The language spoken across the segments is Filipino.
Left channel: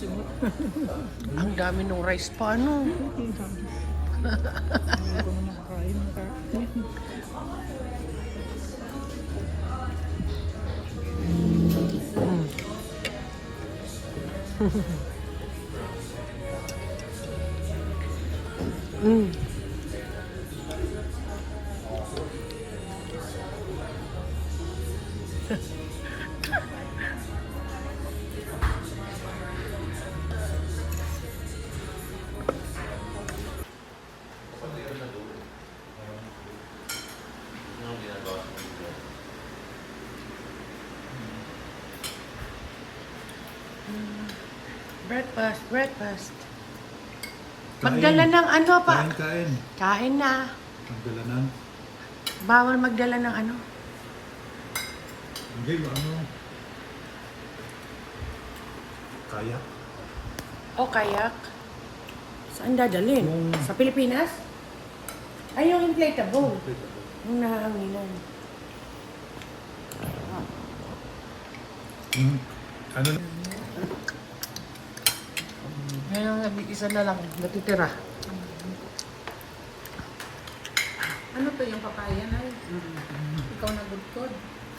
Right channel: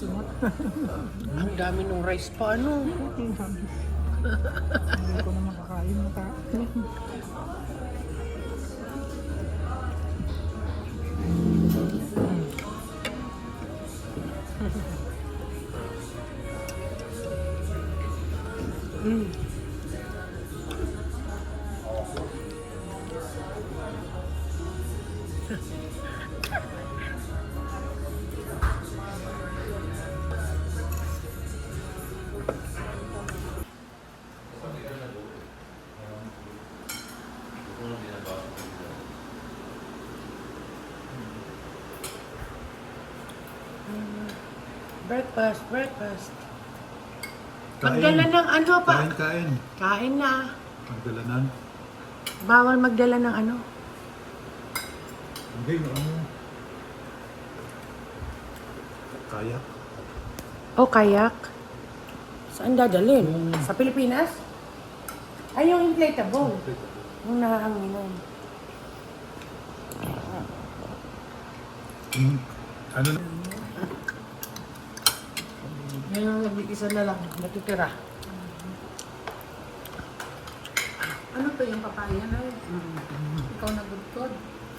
simot. Ang dami ng rice pa, ano? Hindi ko na makakain ng Mm. Breakfast, breakfast. Magdala ng ano pa? Kain. Kain na. Magdala ng... Bawal magdala ng ano? Hindi, ano? Kayak. O kayak. Saan dadalhin? Sa Pilipinas? Ay, yung inflatable. Yung nahanginan. Ano na? Yung isa na lang, natitira. Ano to yung papaya na? Ikaw nagudkod.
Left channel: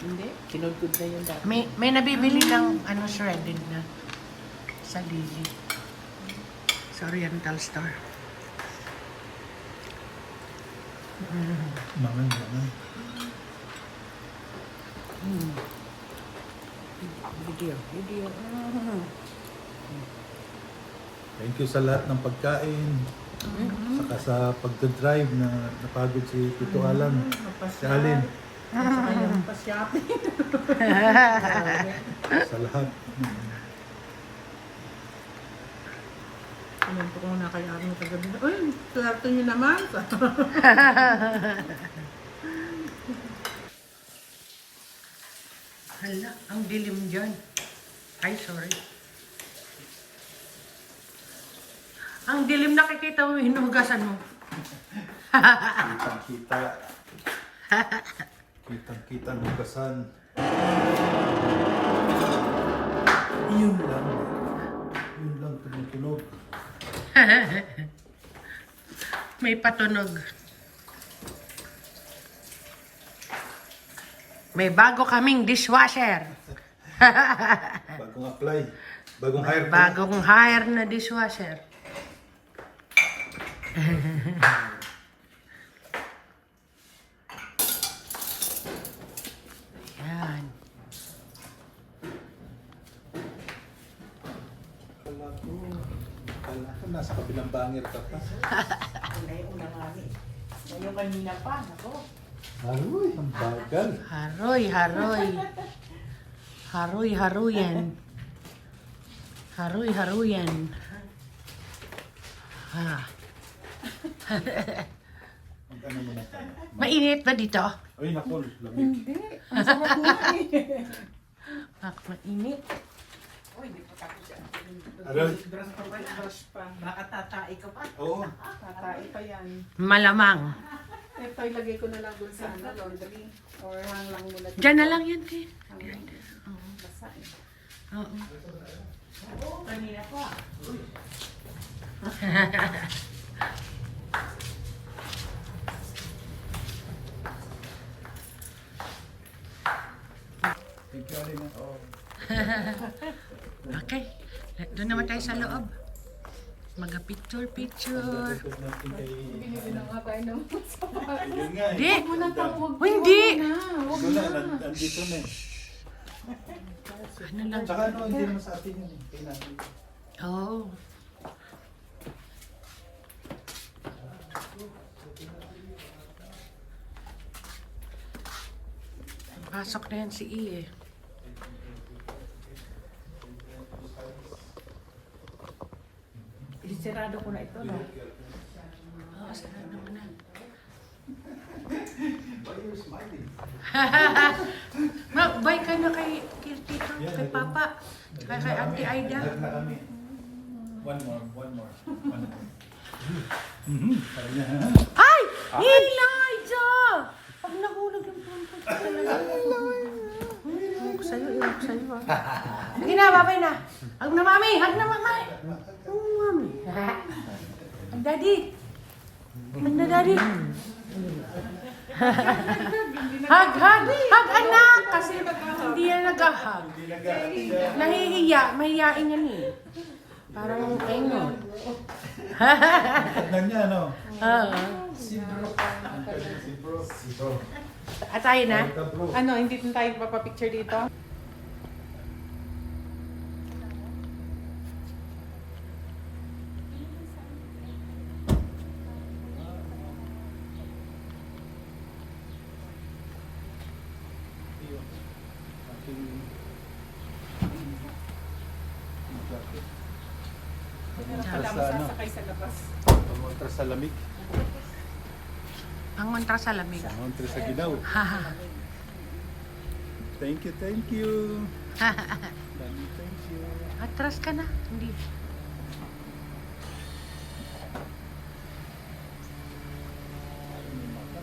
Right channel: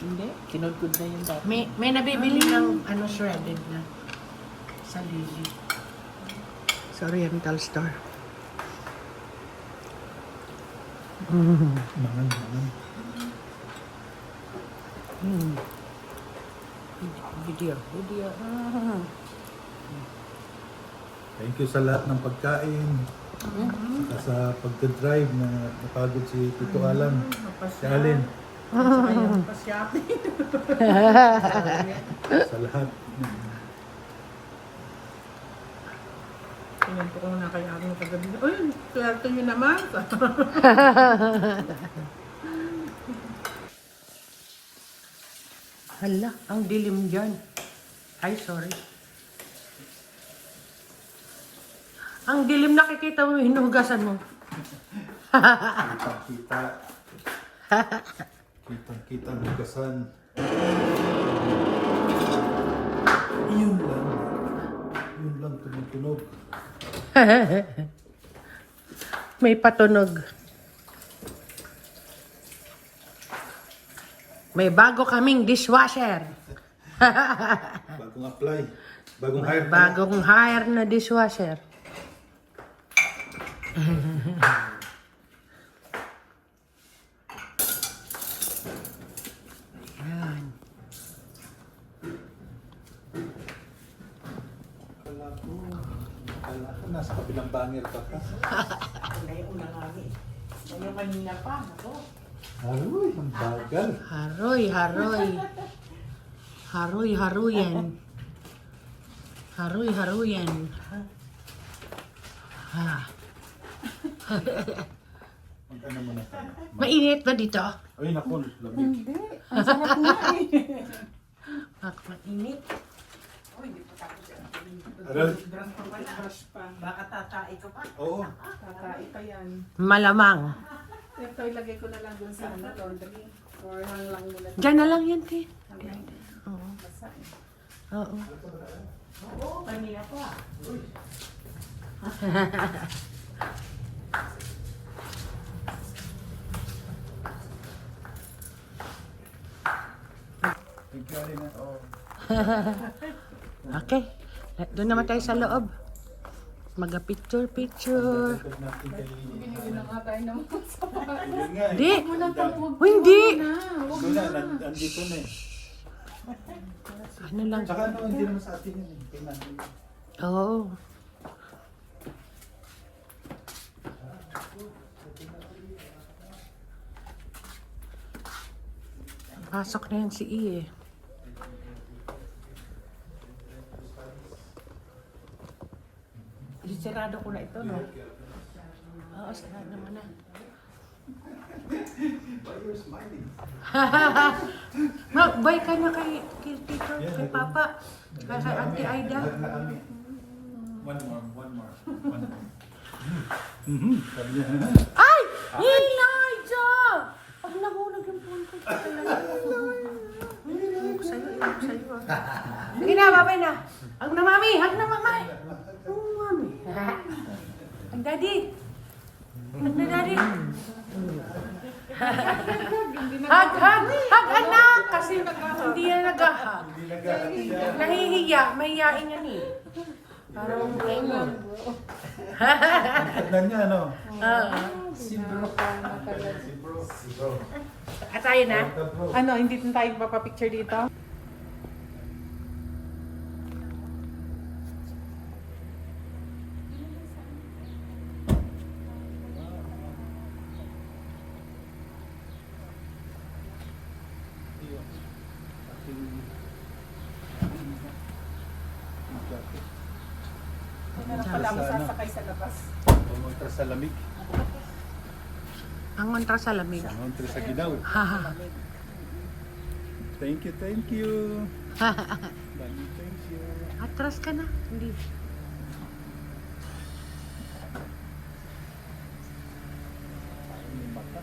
Hindi, kinudkod na yung dati. May nabibili ng ano shredded na sa Lizzy. Sa Oriental Store. Mangan. Video. Thank you sa lahat ng pagkain. Saka sa pagdadrive na napagod si Tito Alan. Si Alin. Saka yung pa-shopping. Sa lahat. Pinunto ko na kay Arno kagabi. Uy, swerte nyo naman. Hala, ang dilim dyan. Ay, sorry. Ang dilim, nakikita mo, hinugasan mo. Kitang-kita. Kitang-kita ng hugasan. Yun lang. Yun lang tumutunog. May patunog. May bago kaming dishwasher. Bagong apply. Bagong hire. Bagong hire na dishwasher. Yan. Kala ko nasa kabilang bangir ka pa. Ngayon na nga ni. Ngayon kanina pa, ako. Aroy, ang bagal. Haroy. Haruyan. Haruyan. Ha. Ano mo na? Mainit ba dito? Uy, naku, lamig. Hindi. Ang sarap nga eh. Mainit. Uy, di pa tapos yan. Aroy. Brush pa. Baka tatai ka pa. Oo. Tatai pa yan. Malamang. Ito ilagay ko na lang dun sa laundry. Or hang lang muna. Diyan na lang yan, te. Oo. Basa eh. Oo. Oo, kanina pa. Thank you, Alin. Oo. Okay. Doon naman tayo sa loob. Maga-picture. Pagdagot natin kay... Binili na nga tayo ng sapatos. Yun nga eh. Di. Wala tang huwag. Oh, hindi. Ito na, nandito na eh. Ano lang. Tsaka ano, hindi naman sa atin yun eh. Pinansin. Oo. Pasok na yan si I eh. Sirado ko na ito, no? Oo, sarado mo na. Why you're smiling? Mag-bye ka na kay Tito, kay Papa, kay Auntie Aida. Ilan na kami? One more. Sabi niya, ha? Ay! Elijah! Pag nahulog yung punto. Buksan. Hindi na, babay na. Hag na, mami! Hag na, mami! Daddy! Ano, Daddy? Hag, anak! Kasi hindi na nag-hug. Hindi nag-aalis siya. Nahihiya, mahihiyain yan eh. Parang ayun. Tignan niya, ano? Si bro. Si bro. Si bro. At tayo na? Ito, bro. Ano, hindi na tayo papapicture dito? Iyo. Aking jacket. Meron pala mo sasakay sa labas. Pumunta sa lamig. Ang mantra sa lamig. Pumunta sa ginaw. Haha. Thank you, thank you. Dami, thank you. Atras ka na. Hindi. Parang may mata.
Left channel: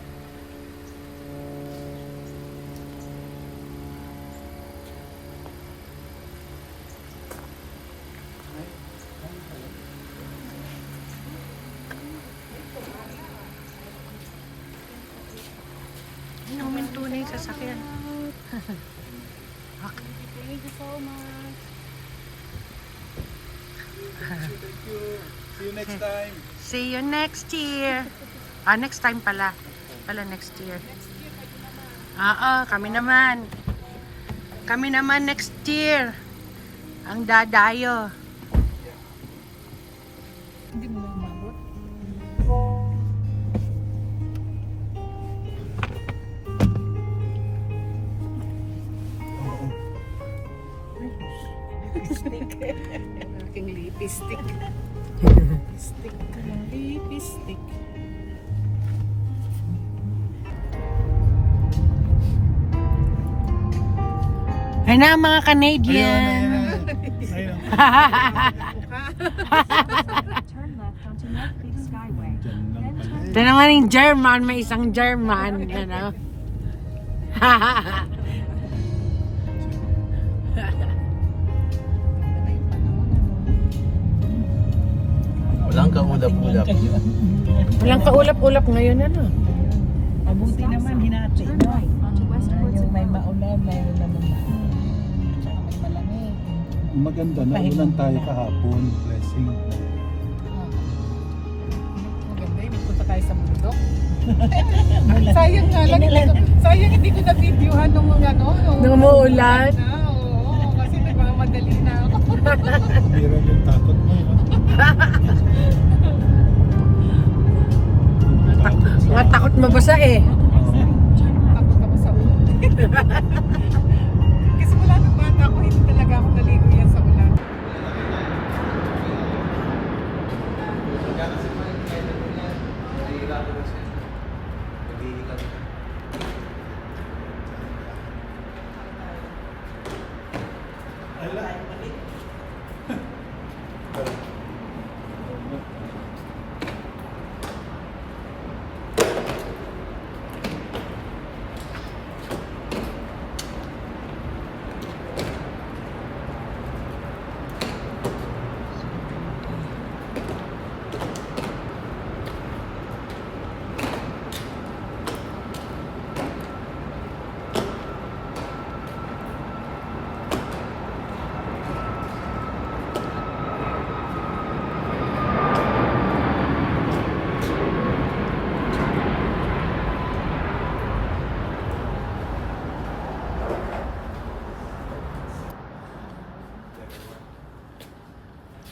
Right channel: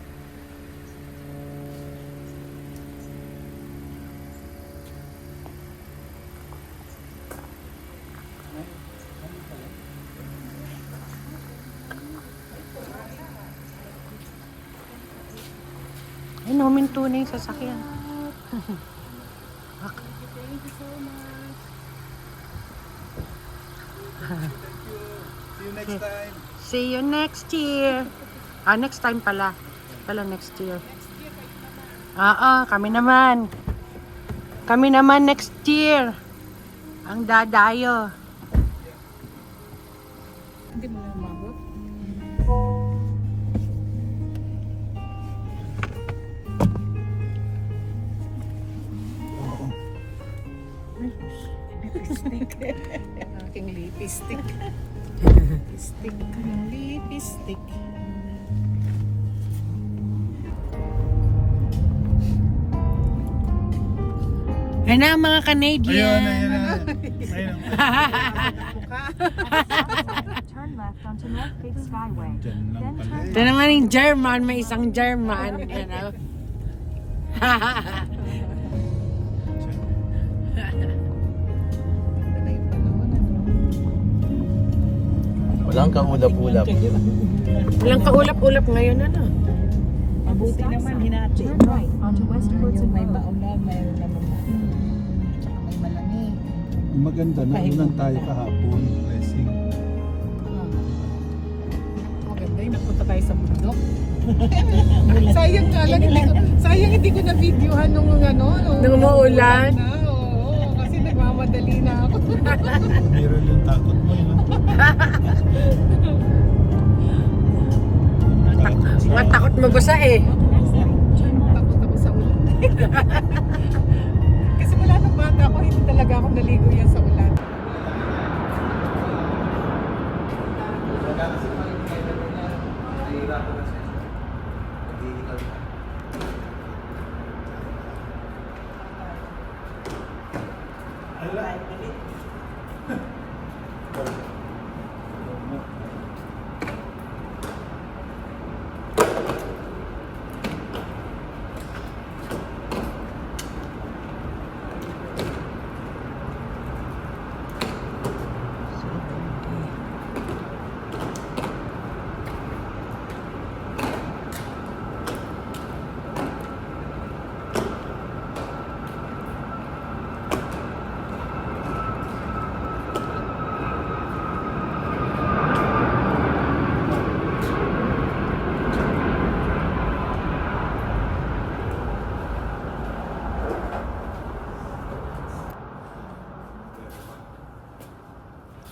Ay, huminto na yung sasakyan. Thank you so much. Thank you. See you next time. See you next year. Ah, next time pala. Pala next year. Kami naman. Kami naman next year. Ang dadayo. Hindi mo na umabot? Lipstick. Yan ang aking lipstick. Lipstick. Lipstick. Ayun na mga Canadian. Ayun. Turn left onto North Big Skyway. Diyan lang pala eh. Ito naman yung German. May isang German. Ano? Walang kaulap-ulap. Walang kaulap-ulap ngayon. Ano? Mabuti naman hinati. Turn right onto West Portsmouth May Road. maulan, mayroon naman na. Tsaka may malamig. Maganda, naulan tayo kahapon. Blessing. Maganda yun, nagpunta tayo sa bundok. Sayang nga lang, sayang hindi ko na-videohan nung ano, Nung umuulan? na, oo, kasi nagmamadali na ako. Viral yung takot mo, yun. Matakot mabasa eh. Takot ako sa ulan. Kasi wala nang bata ako, hindi talaga ako naligo yan sa ulan.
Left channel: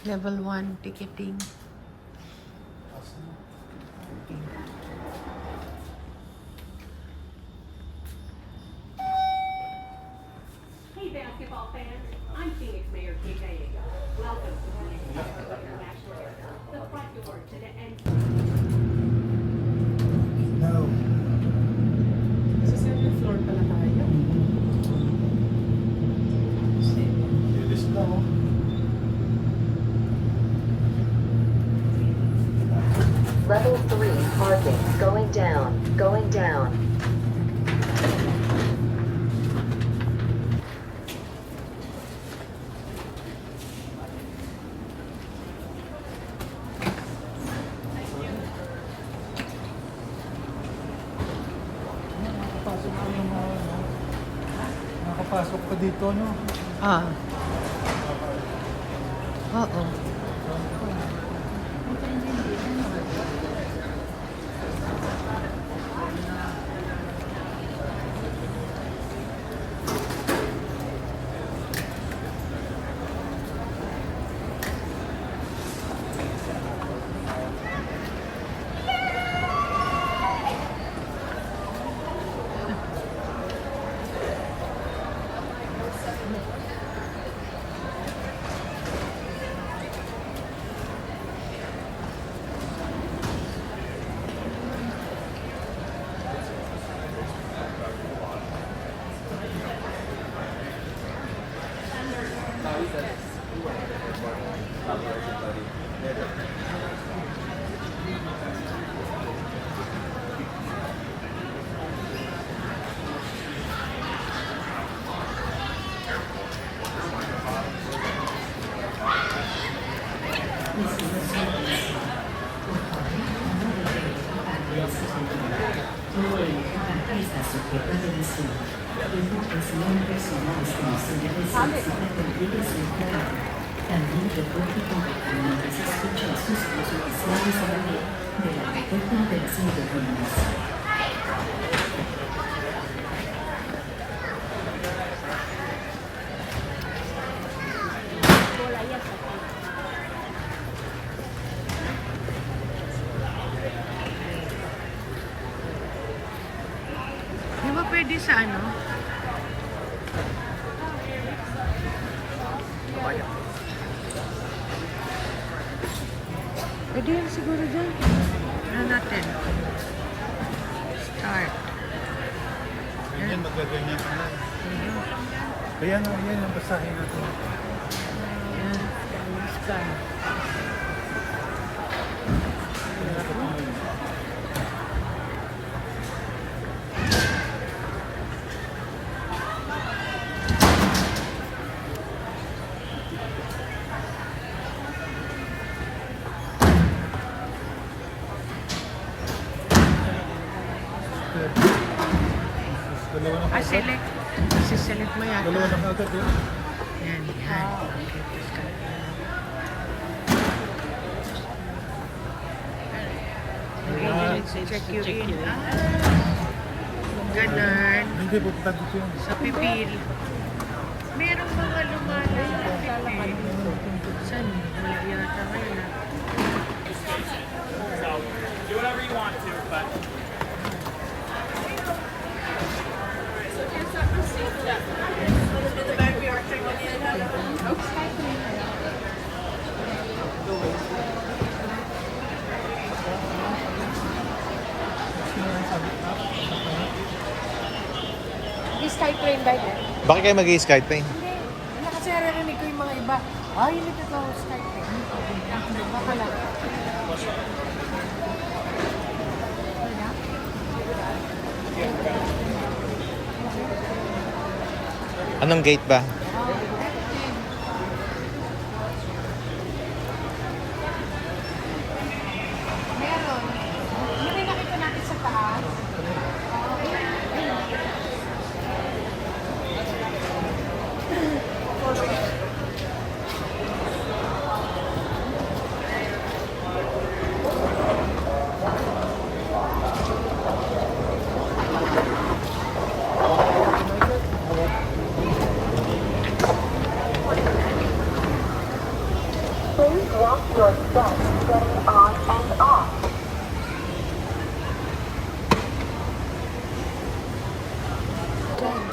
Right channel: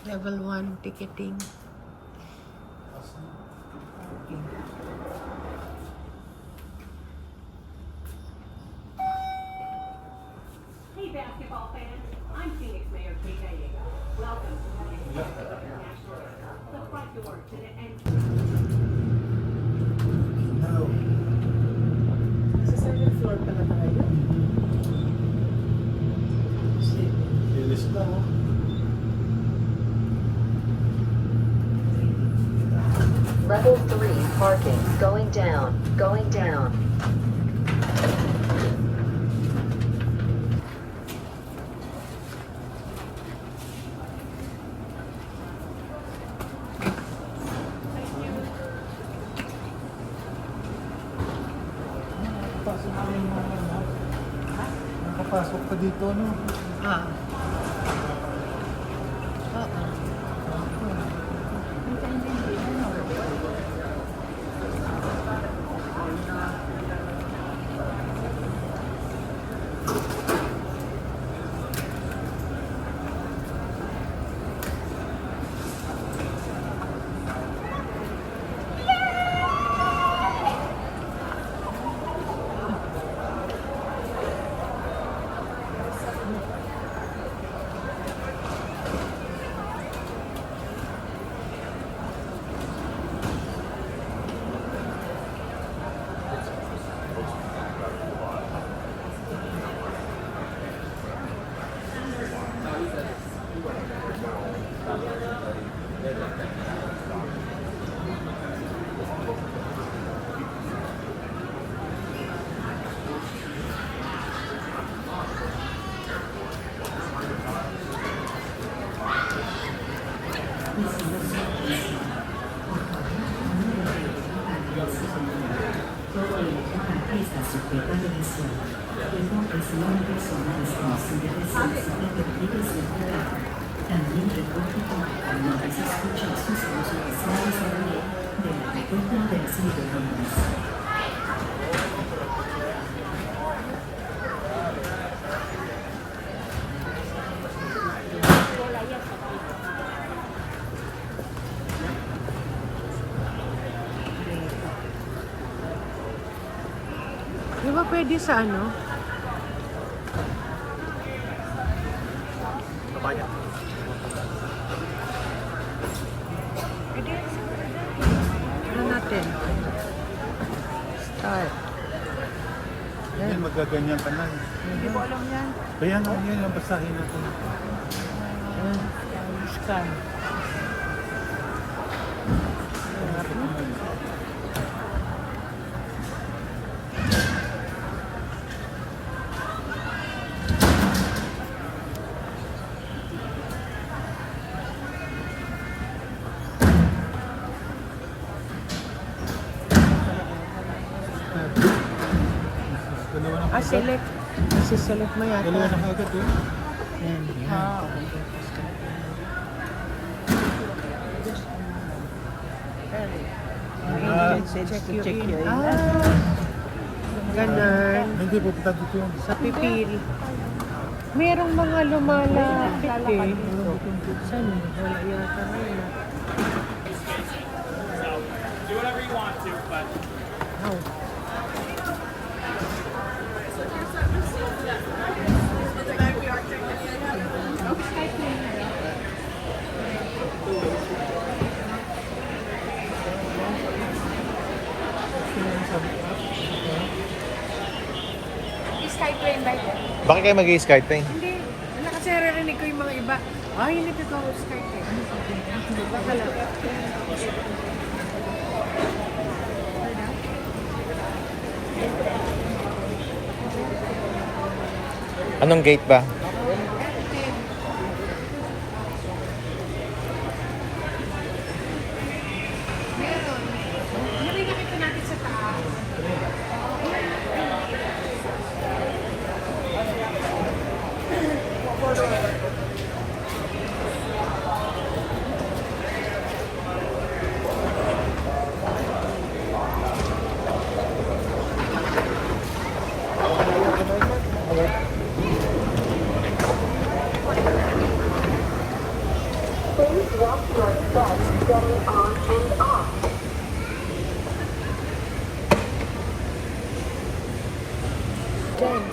Level 1 ticketing. Hey basketball fans, I'm Phoenix Mayor Kate Gallego. Welcome to the International Airport, the front door to the end. No. Sa second floor pala tayo. Ilis na, oh. Level 3 parking going down, going down. pasok pa dito, no? Ah. Oo. También reporte contactar mientras escucha sus usos especiales a la ley de la recompensa y de bonos. Di ba pwede sa ano? Pwede siguro dyan. Ano natin? Start. Yan, magaganyan ka na. Kaya nga, yun ang basahin natin. Yan. Scan. Dalawa na Ah, select. Select mo yata. Dalawa na kagad, yun. Yan, yan. Check you in. Ah, ganun. Hindi, pupunta dito yun. Sa pipil. Merong mga lumalapit eh. Saan? Wala yata ngayon. Do whatever you want to, but Skype ba yun? Bakit kayo mag-i-skype train? Hindi. Wala kasi narinig ko yung mga iba. Ah, hindi ito Skype eh. Wala. Anong gate ba? Meron. Hindi nakita natin sa taas.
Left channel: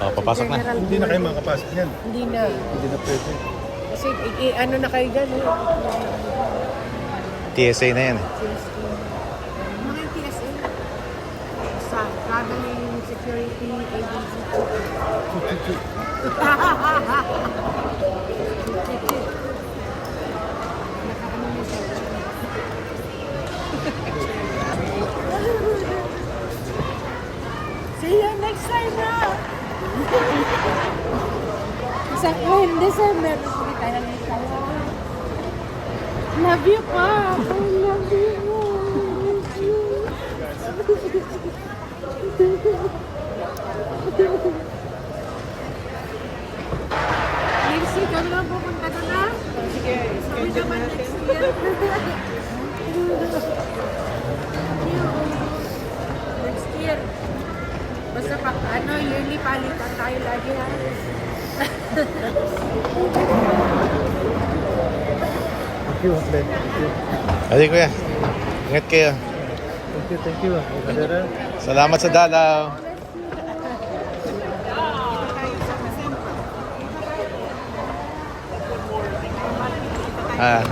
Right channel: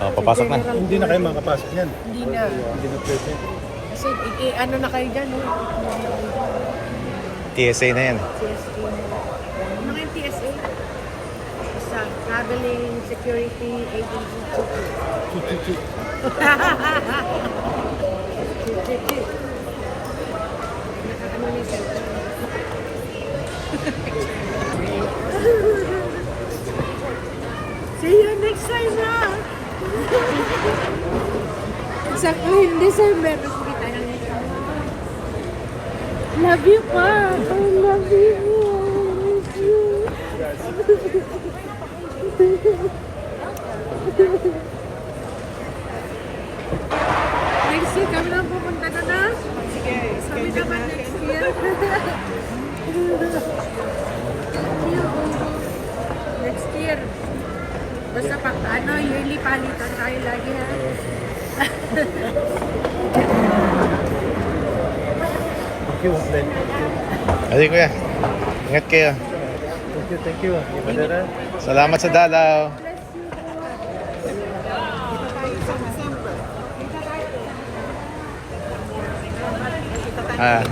Oh, papasok na. Hindi na kayo makapasok yan. Hindi na. Hindi na pwede. Kasi ano na kayo dyan, no? TSA na yan eh. Mga yung TSA. Sa Traveling Security Agency. Nakakano niya sa See you next time na! Sa in December, kasi tayo nito. Love you pa. I love you. I love you. Baka naman next year. Next year. Basta pag yearly palitan tayo lagi ha. Thank you, Glenn. Thank you. Adi kuya. Ingat kayo. Thank you. Madara. Salamat sa dalaw. Ah.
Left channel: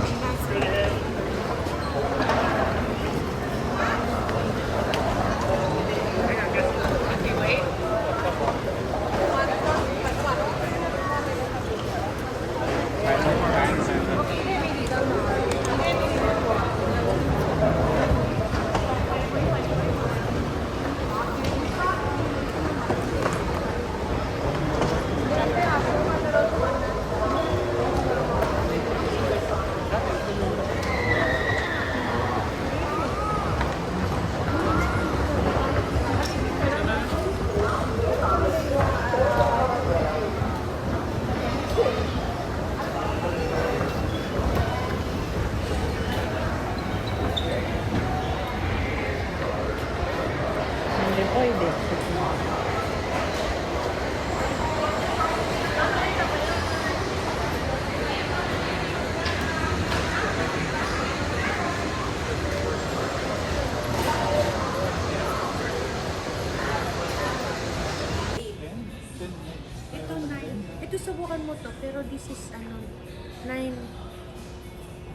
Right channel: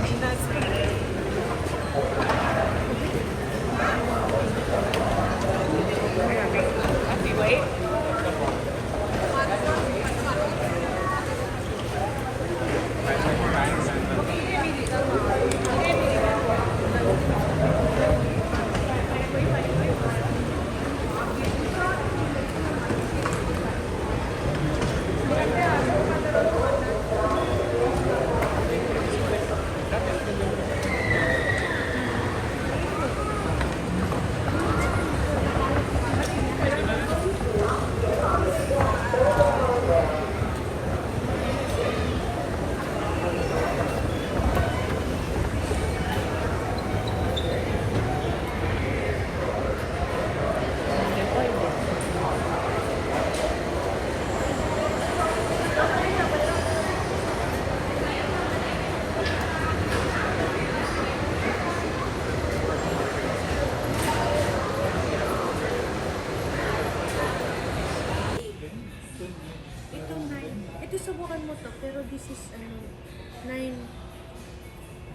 Ito 9. Ito subukan mo to, pero this is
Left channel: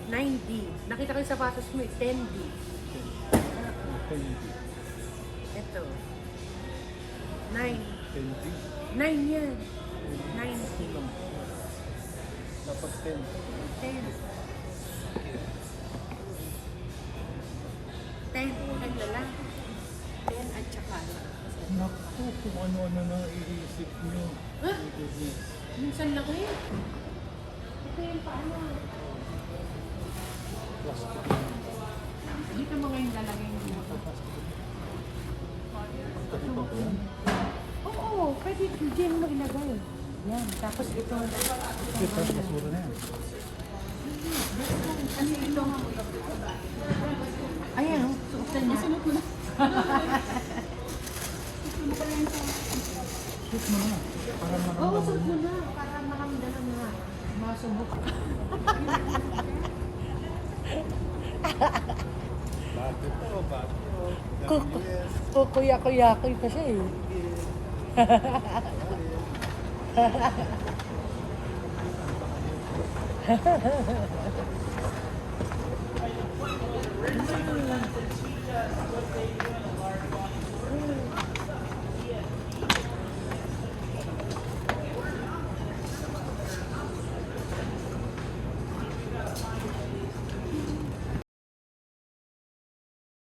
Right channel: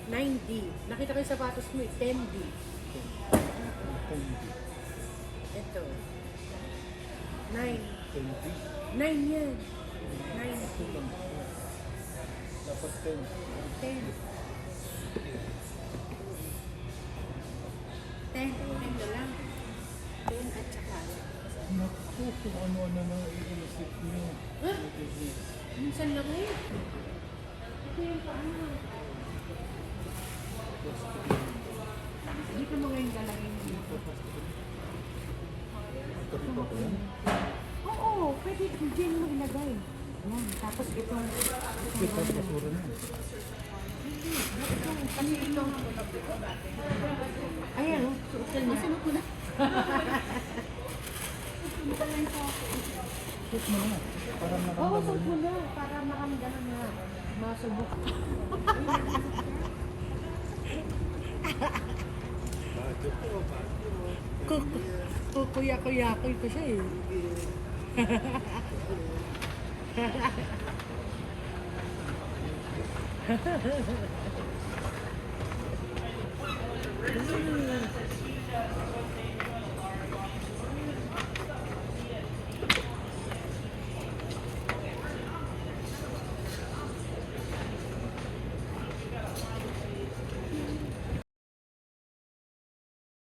9D. Nakita ko yung sapatos mo, 10D. Ito. 9. 9 yan. 9D. Dapat 10. 10. 10 na lang. 10 at saka. Naku, kung ano-ano na iisip niyo. Huh? Minsan lang eh. Ito yung paano. Dito mo ngayon dalangin mo. Oo, pwede din mo ilagay. Yan, tapos itong... Ito, basura na yan. Ano ito? Ayan, suotan niya. Suot mo na. Oo, suot mo na. Para makamdaman na. Masubok. Bagyo po, bagyo. Kukuya-kuya-kuy pa siya eh.